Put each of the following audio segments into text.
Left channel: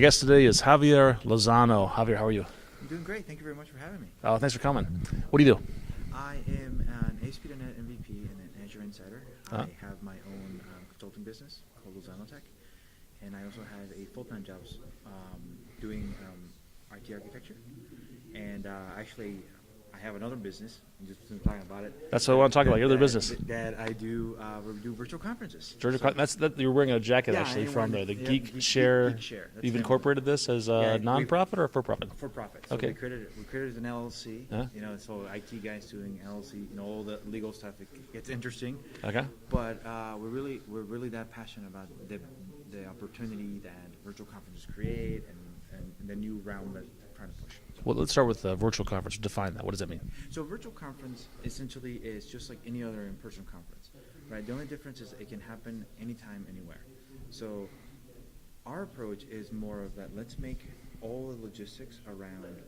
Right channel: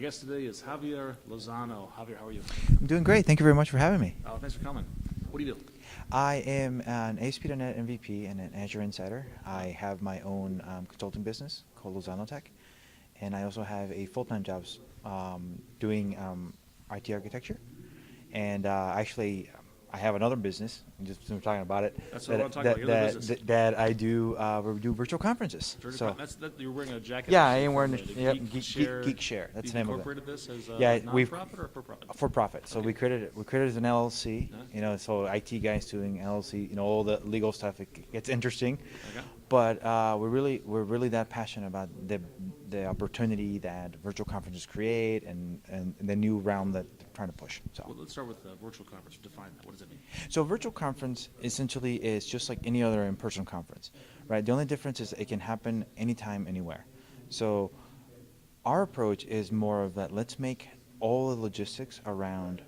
My guest today is Javier Lozano. Javier, how are you? I'm doing great. Thank you very much for having me. Thanks for coming. What do you do? I am an ASP.NET MVP and an Azure Insider. Uh-huh. I have my own consulting business called Lozano Tech, and I also have a full-time job doing IT architecture. And actually, I have another business. Just we're talking about it. That's what I want to talk about. Your other business. That I do virtual conferences. You're wearing a jacket. Yeah, actually I am from wearing the GeekShare. GeekShare. That's You've the name of it. incorporated this as a Yeah, non-profit or for-profit? For profit. So Okay. we created it as an LLC. Yeah. So IT guys doing LLC. All the legal stuff. It gets interesting. Okay. But we're really that passionate about the opportunity that virtual conferences create and the new realm that they're trying to push. So. Well, let's start with the virtual conference. Define that. What does that mean? So virtual conference essentially is just like any other in-person conference, right? The only difference is it can happen anytime, anywhere. So our approach is more of that. Let's make all the logistics around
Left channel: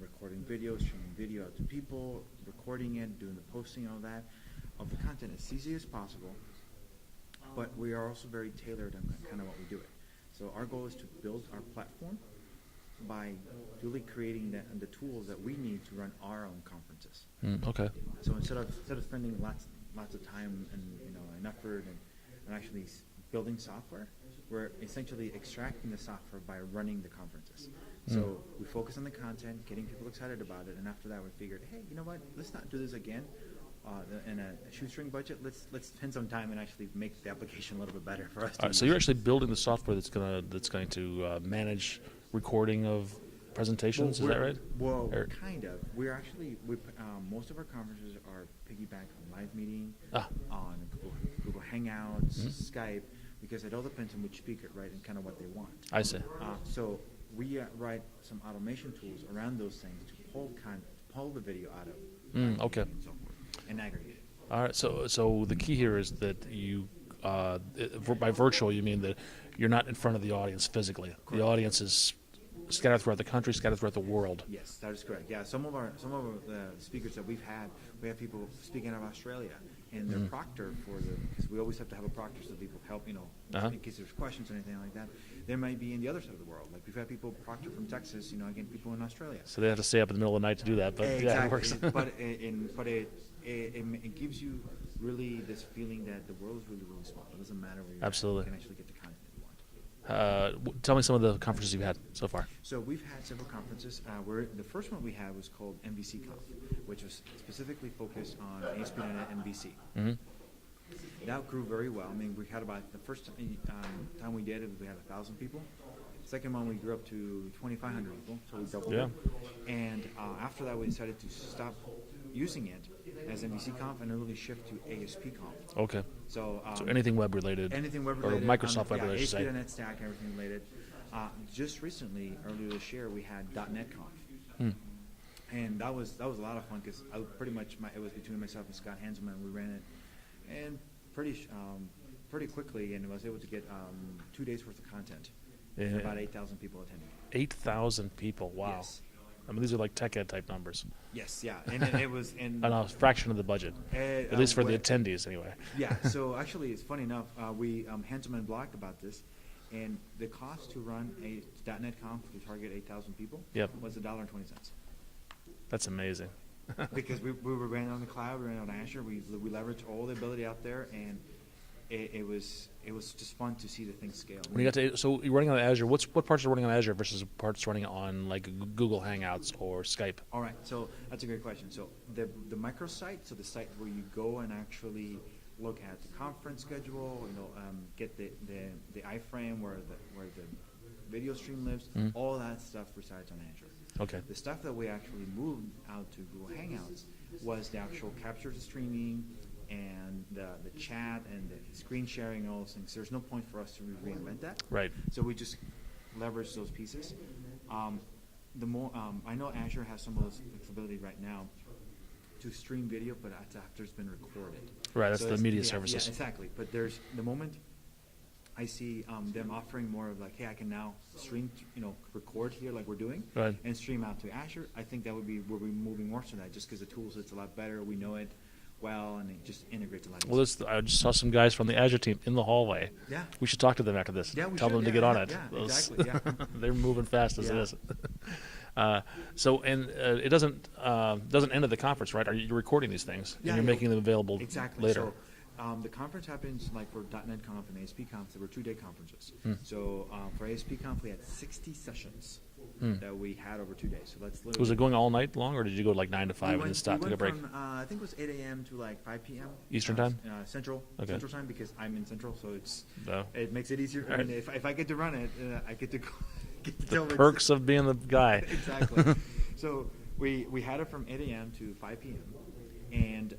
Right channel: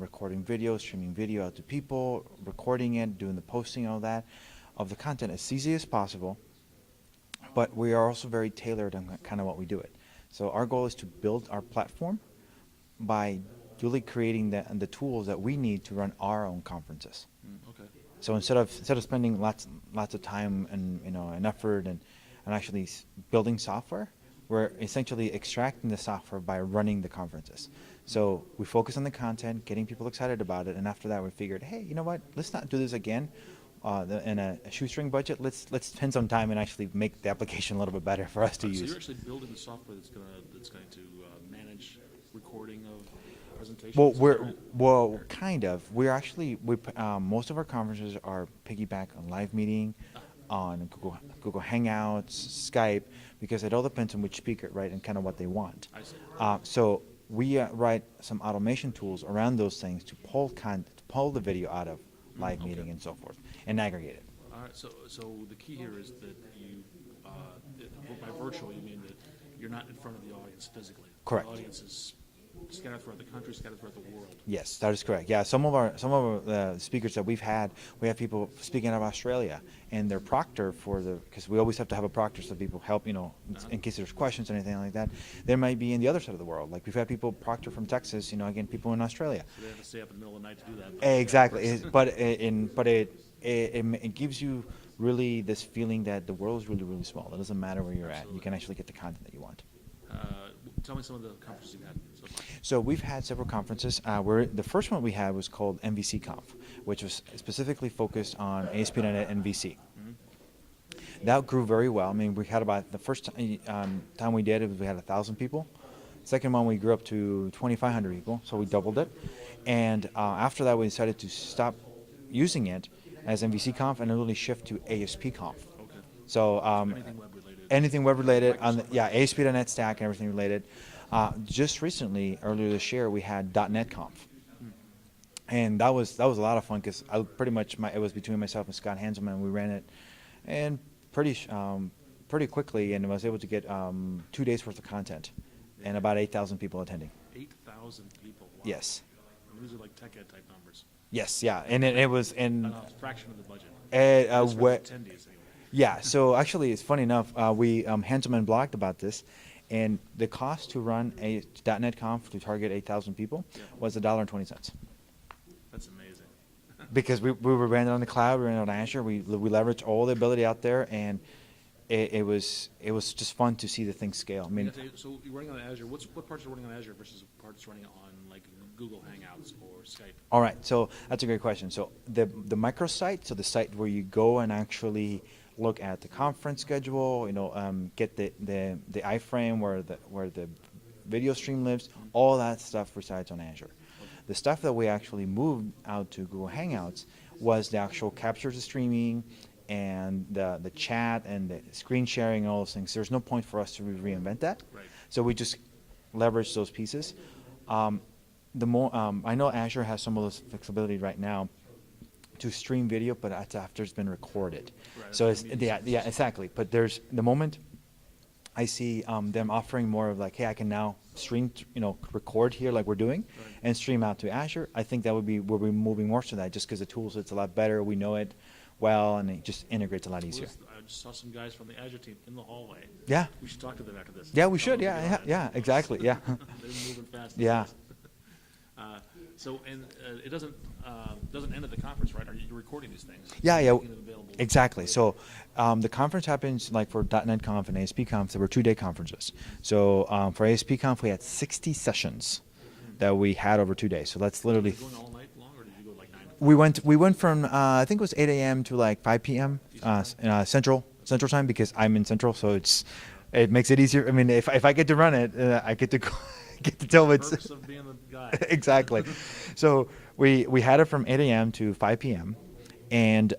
recording video, streaming video out to people, recording it, doing the posting, all that, of the content as easy as possible. But we are also very tailored on kind of what we do it. So our goal is to build our platform by really creating the tools that we need to run our own conferences. Okay. So instead of spending lots of time and and effort and actually building software, we're essentially extracting the software by running the conferences. So we focus on the content, getting people excited about it, and after that we figured, hey, you know what? Let's not do this again. In a shoestring budget, let's spend some time and actually make the application a little bit better for us to use. So you're actually building the software that's going to manage recording of presentations. Is that right? Well, kind of. We're actually most of our conferences are piggyback on live meeting, on Google Hangouts, Skype, because it all depends on which speaker, right, and kind of what they want. I see. So we write some automation tools around those things to pull the video out of live meeting and so forth, and aggregate it. All right. So the key here is that you, by virtual, you mean that you're not in front of the audience physically. Correct. The audience is scattered throughout the country, scattered throughout the world. Yes, that is correct. Yeah, some of our speakers that we have people speaking out of Australia, and their proctor because we always have to have a proctor so people help, in case there's questions or anything like that. They might be in the other side of the world. Like we've had people proctor from Texas, again, people in Australia. So they have to stay up in the middle of the night to do that. But Exactly. Yeah, but it gives you really this feeling that the world is really, really small. It doesn't matter where you're at. You can actually get the content that you want. Tell me some of the conferences you've had so far. So we've had several conferences. The first one we had was called MVC Conf, which was specifically focused on ASP.NET and VC. That grew very well. I mean, we had about the first time we did it, we had 1,000 people. Second one, we grew up to 2,500 people, so we doubled it. And after that, we decided to stop using it as MVC Conf and really shift to ASP Conf. Okay. So anything web related. Anything web related. Microsoft web related, ASP.NET Stack and everything related. Just recently, earlier this year, we had .NET Conf. And that was a lot of fun because it was between myself and Scott Hanselman. We ran it and pretty quickly, and I was able to get 2 days worth of content and about 8,000 people attending. 8,000 people. Wow. Yes. I mean, these are like tech ed type numbers. Yes, yeah, and it was in a fraction of the budget. At least for the attendees, anyway. Yeah. So actually, it's funny enough. We Hanselman blogged about this, and the cost to run a .NET Conf to target 8,000 people was $1.20. That's amazing. Because we ran it on the cloud, we ran it on Azure. We leveraged all the ability out there, and it was just fun to see the thing scale. I mean, so you're running on Azure. What parts are running on Azure versus parts running on like Google Hangouts or Skype? All right, so that's a great question. So the microsite, so the site where you go and actually look at the conference schedule, get the iframe where the video stream lives, all that stuff resides on Azure. Okay. The stuff that we actually moved out to Google Hangouts was the actual capture the streaming and the chat and the screen sharing and all those things. There's no point for us to reinvent that. Right. So we just leverage those pieces. I know Azure has some of this flexibility right now to stream video, but after it's been recorded. Right. That's so the media services. Yeah, exactly. But there's the moment I see them offering more of like, hey, I can now stream, record here like we're doing, and stream out to Azure. I think that would be where we're moving more to that, just because the tool set's a lot better. We know it. well, and it just integrates a lot easier. Well, I just saw some guys from the Azure team in the hallway. Yeah. We should talk to them after this. Yeah, we Tell should. them to get on it. Yeah, Those- exactly. Yeah. They're moving fast as Yeah. it is. It doesn't end at the conference, right? Are you recording these things? Yeah, and yeah. making them available. Exactly. later? So the conference happens like for .NET Conf and ASP Conf. There were 2-day conferences. So for ASP Conf, we had 60 sessions that we had over 2 days. So that's literally. Was it going all night long, or did you go like 9 to 5? We and went. stop We and went take a break? from I think it was 8 a.m. to like 5 p.m. Eastern time? Central Okay. Central time, because I'm in Central, so Oh. it makes it easier. I mean, if I get to run it, I get to get to tell it's Perks of being the guy. exactly. So we had it from 8 a.m. to 5 p.m. and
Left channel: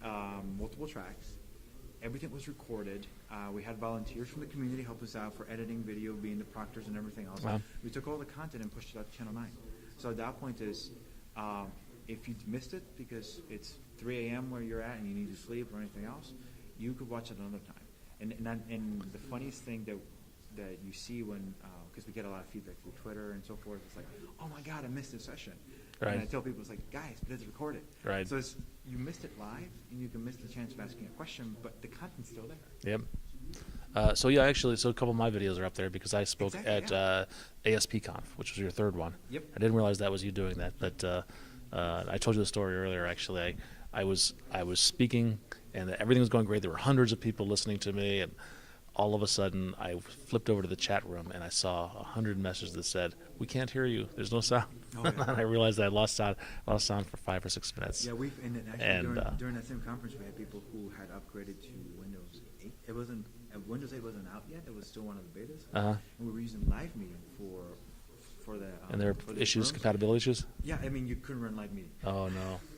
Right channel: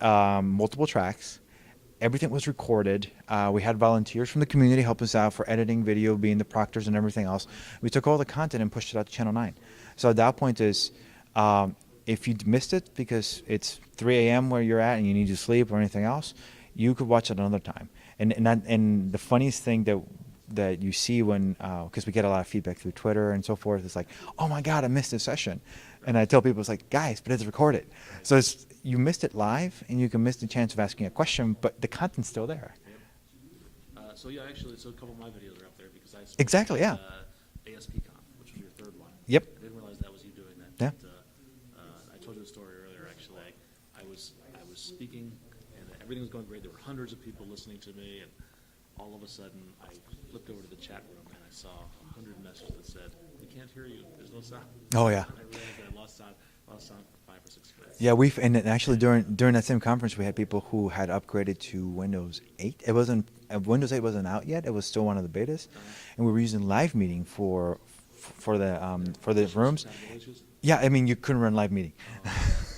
multiple tracks. Everything was recorded. We had volunteers from the community help us out for editing, video, being the proctors and everything else. Wow. We took all the content and pushed it out to Channel 9. So at that point is, if you missed it because it's 3 a.m. where you're at and you need to sleep or anything else, you could watch it another time. And the funniest thing that you see when, because we get a lot of feedback through Twitter and so forth, it's like, oh my God, I missed this session. And Right. I tell people, it's like, guys, but it's recorded. Right. So you missed it live, and you can miss the chance of asking a question, but the content's still there. Yep. So a couple of my videos are up there because I spoke Exactly, at ASPConf, which was your third one. Yep. I didn't realize that was you doing that. Yeah. But I told you the story earlier. Actually, I was speaking, and everything was going great. There were hundreds of people listening to me, and all of a sudden, I flipped over to the chat room, and I saw 100 messages that said, "We can't hear you. There's no sound." Oh, yeah. And I realized I lost sound for 5 or 6 minutes. Yeah, and actually And, during that same conference, we had people who had upgraded to Windows 8. It wasn't Windows 8 wasn't out yet. It was still one of the betas, Uh-huh. and we were using Live Meeting for the And there for the issues, rooms. compatibility issues. Yeah, I mean you couldn't run Live Meeting, Oh, no.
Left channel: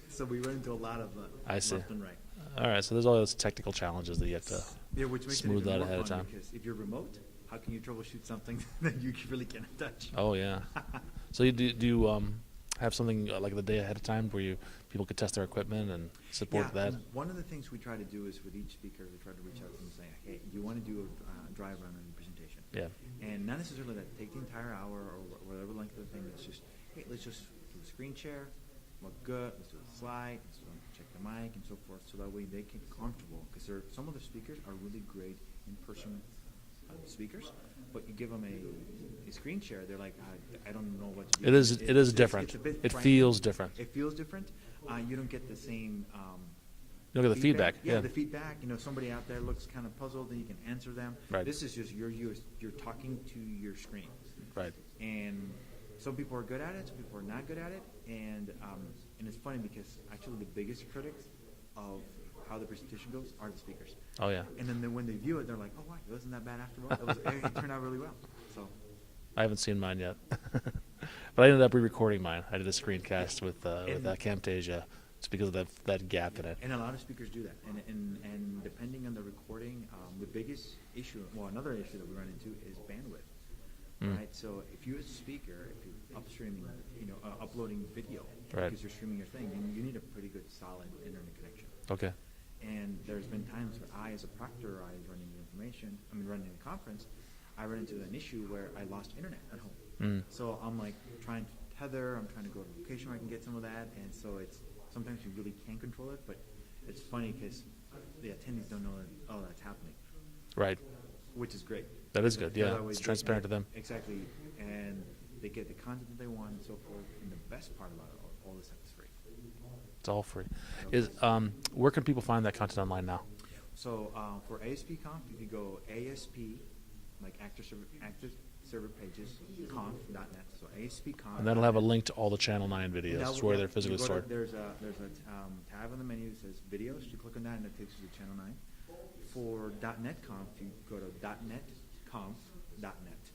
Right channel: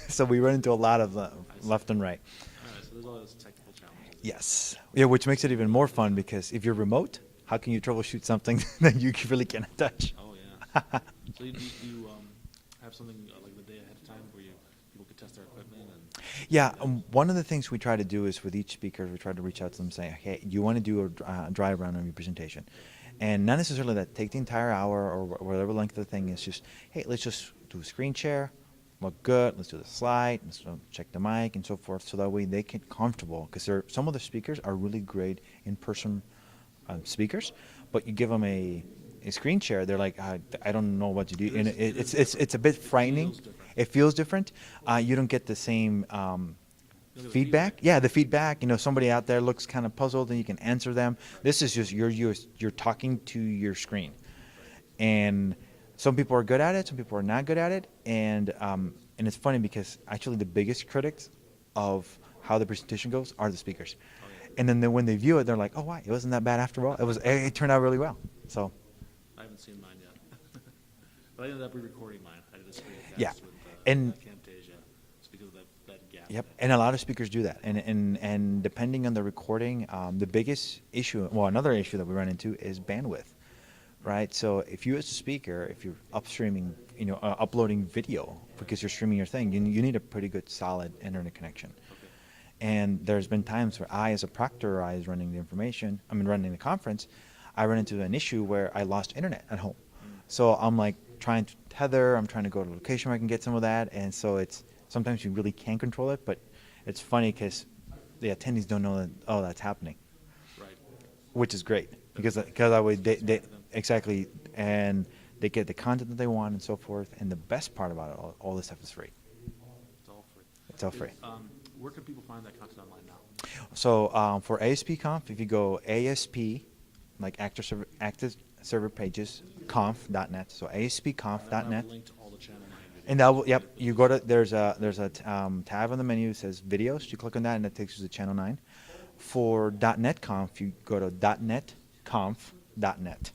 so we run into a lot of I see. left and right. All right, so there's all those technical challenges that Yes. you have Yeah, which makes it smooth even out more ahead of fun time. because if you're remote, how can you troubleshoot something that you really cannot touch? to. Oh yeah. So do you have something like the day ahead of time where people could test their equipment and support Yeah, that? one of the things we try to do is with each speaker, we try to reach out to them saying, hey, you want to do a dry run on your presentation. Yeah. And not necessarily that take the entire hour or whatever length of the thing is, just, hey, let's just do a screen share, look good, let's do the slide, let's check the mic and so forth, so that way they get comfortable. Because some of the speakers are really great in-person speakers, but you give them a screen share, they're like, I don't know what to do. It is. And It is different. It's a bit It frightening. feels different. It feels different. You don't get the same You don't get the feedback. feedback, Yeah, yeah. the feedback. You know, somebody out there looks kind of puzzled, and you can answer them. Right. This is just you're talking to your screen, Right. and some people are good at it, some people are not good at it, and it's funny because actually the biggest critics of how the presentation goes are the speakers. Oh yeah. And then when they view it, they're like, oh, wow, it wasn't that bad after all. It turned out really well. So. I haven't seen mine yet, but I ended up re-recording mine. I did a screencast Yeah. with And- Camtasia. It's because of that gap Yep. in it. And a lot of speakers do that. And depending on the recording, the biggest issue, well, another issue that we run into is bandwidth, right? So if you as a speaker, if you're upstreaming, uploading video Right. because you're streaming your thing, you need a pretty good solid internet connection. Okay. And there's been times where I, as a proctor, I was running running the conference, I run into an issue where I lost internet at home. So I'm like trying to tether, I'm trying to go to a location where I can get some of that, and so sometimes you really can't control it, but it's funny because the attendees don't know that, that's happening, Right. which is great. That because is good, because yeah. that way It's transparent to them. Exactly, and they get the content that they want and so forth, and the best part about it, all this stuff is free. It's all free. It's all free. Where can people find that content online now? So for ASPConf, if you go ASP, like active server pages, conf.net. So ASPconf.net. And then we'll have a link to all the Channel 9 videos. And that where will, they're yep, you physically go to, stored. there's a tab on the menu that says videos. You click on that and that takes you to Channel 9. For .NET Conf, you go to .NETconf.net.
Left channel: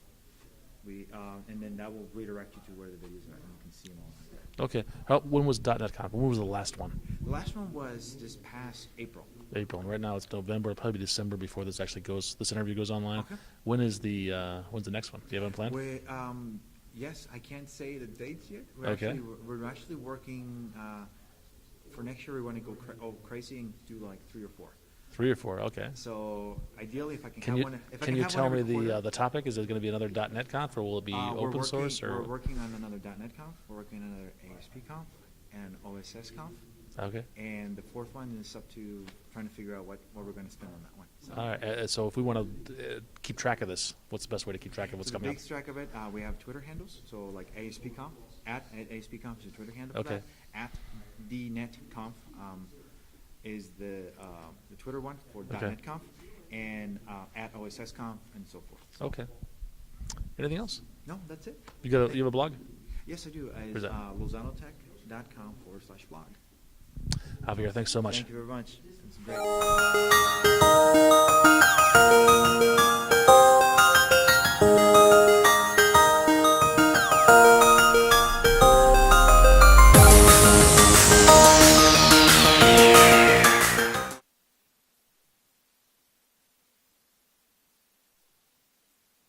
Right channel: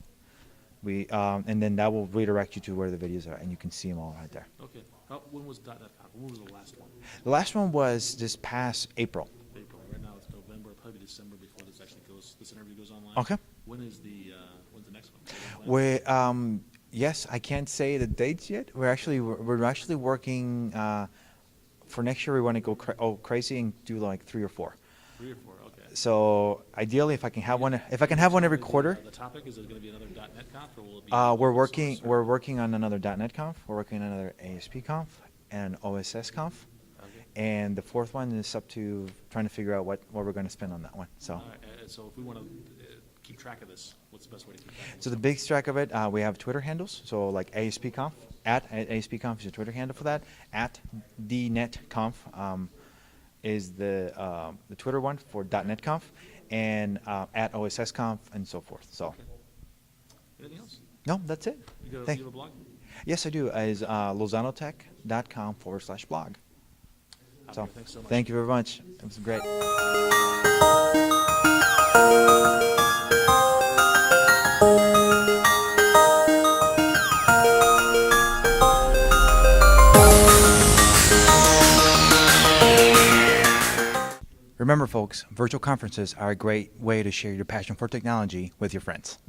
And then that will redirect you to where the videos are, and you can see them all right there. Okay. When was .NET Conf? When was the last one? The last one was this past April. April. And right now it's November. It'll probably be December before this interview goes online. Okay. When's the next one? Do you have a plan? Yes, I can't say the dates yet. We're Okay. actually working for next year. We want to go crazy and do like 3 or 4. 3 or 4. Okay. So ideally, if I can have you- one, can you have one tell every me quarter. The topic is it going to be another .NET Conf, or will it be We're open working. source, or- We're working on another .NET Conf. We're working on another ASP Conf and OSS Conf. Okay. And the fourth one is up to trying to figure out what we're going to spend on that one. So. All right. So if we want to keep track of this, what's the best way to keep track of what's So the coming big track of it, we have Twitter handles. So like ASPConf, at ASPConf is your Twitter handle for Okay. that. At DNetConf is the Twitter one for Okay. .NETConf, and at OSSConf and so forth. So Okay. Anything else? no, that's it. You Thank- have a blog? Yes, I do. Is that? lozanotech.com/blog. Javier, thanks so much. Thank you very much. It was great. Remember, folks, virtual conferences are a great way to share your passion for technology with your friends.